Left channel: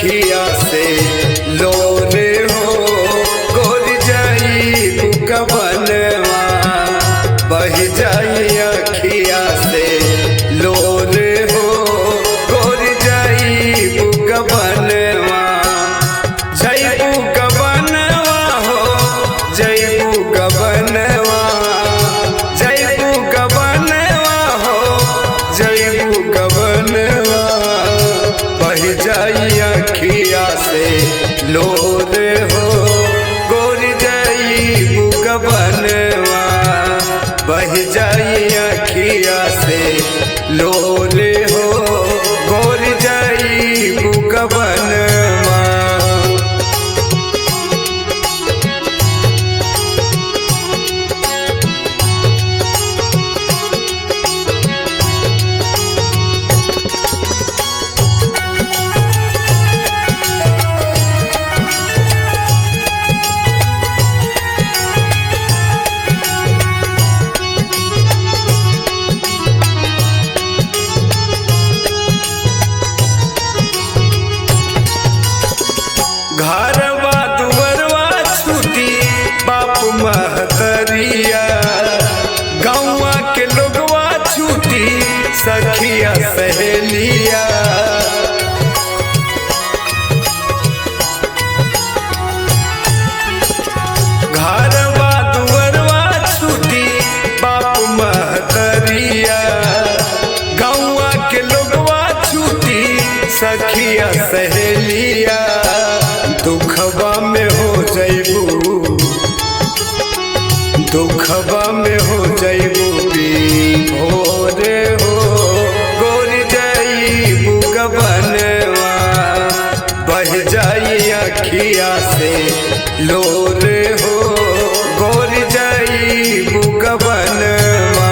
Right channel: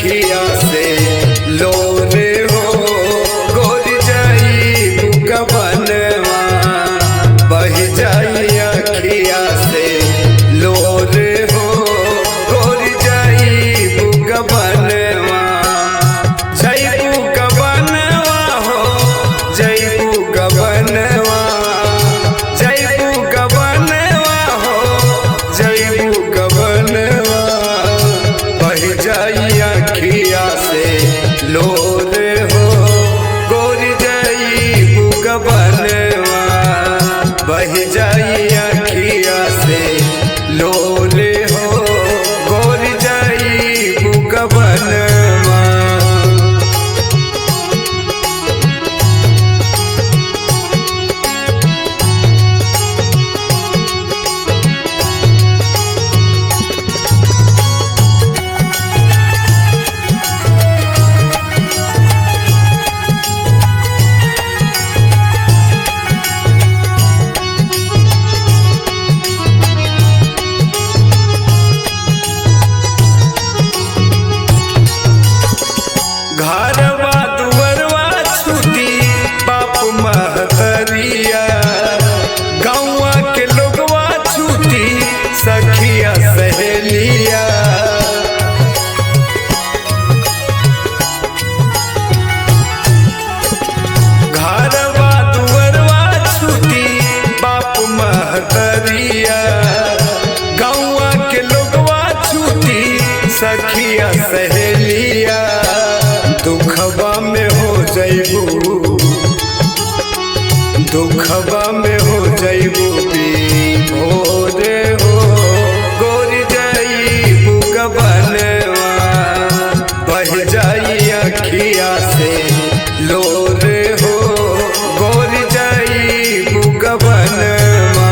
अखिया से लोर हो गोर जाई बुकबनवा बह जाई अखिया से लोर हो गोर जाई बुकबनवा जैबू गबनवा हो जैबू गबनवा जैबू गबनवा हो जैबू गबनवा बह जाई अखिया से लोर हो गोर जाई बुकबनवा बह जाई अखिया से लोर हो गोर जाई बुकबनवा। घरवा दुवरवा छूटी बाप महतरिया गौवा के लोगवा छूटी सखिया सहेलिया घरवा दुवरवा छूटी बाप महतरिया गौवा के लोगवा छूटी सखिया सहेलिया दुखबा में हो जैबू दुखबा में हो जैबू भोर हो गोर जैबू गबनवा बह जाई अखिया से लोर हो गोर जैबू गबनवा।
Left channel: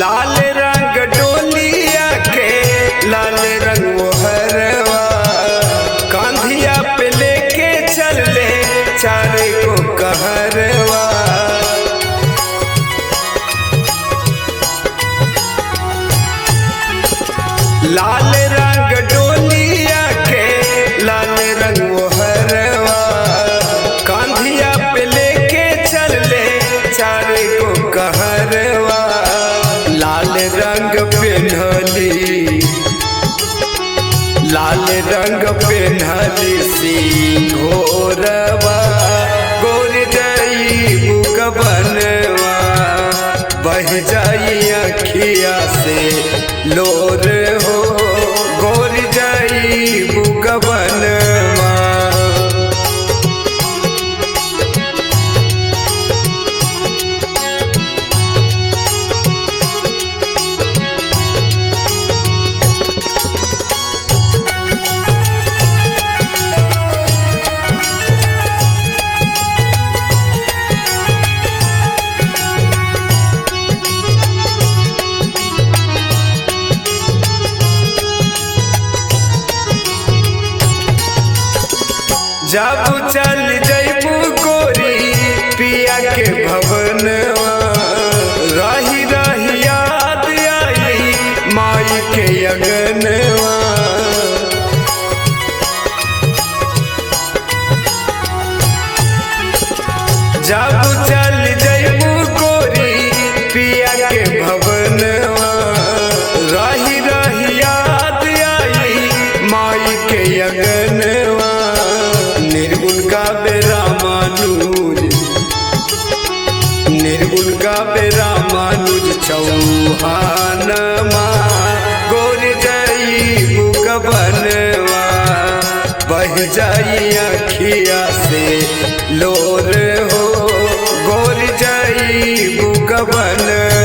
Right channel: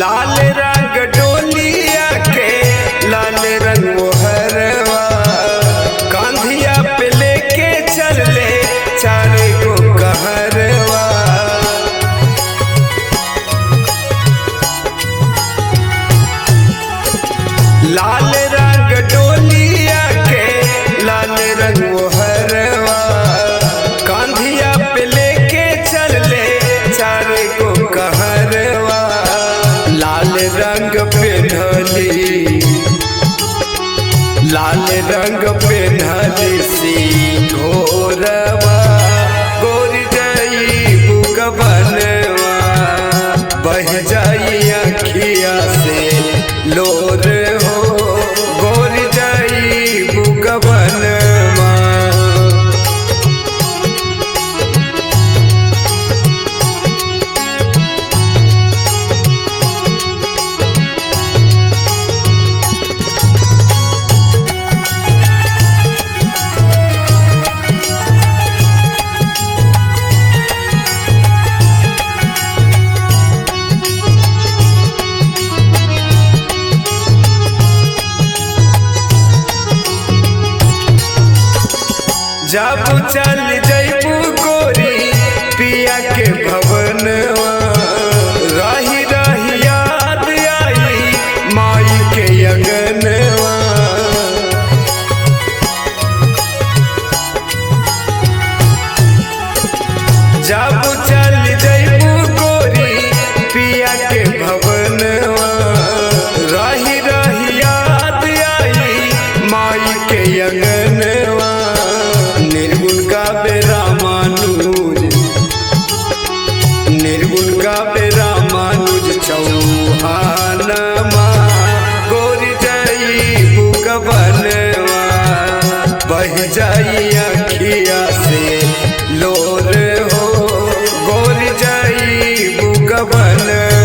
लाल रंग डोलिया के लाल रंग मोहरवा कांधिया पे लेके चल ले चारे को कहरवा लाल रंग डोलिया के लाल रंग मोहरवा कांधिया पे लेके चल ले चारे को कहरवा लाल रंग पेन्हली लाल रंग पेन्हली सिंघोरवा गोर जाई बुकबनवा बह जाई अखिया से लोर हो गोर जाई बुकबनवा। जब चल जैबू गोरी पिया के भवनवा रही रही याद आई माई के अगनवा जब चल जैबू गोरी पिया के भवनवा रही रही याद आई माई के अगनवा निर्गुण गावे रामानुज निर्गुण गावे रामानुज चौहानमा गोर जाई बुकबनवा बह जाई अखिया से लोर हो गोर जाई बुकबनवा।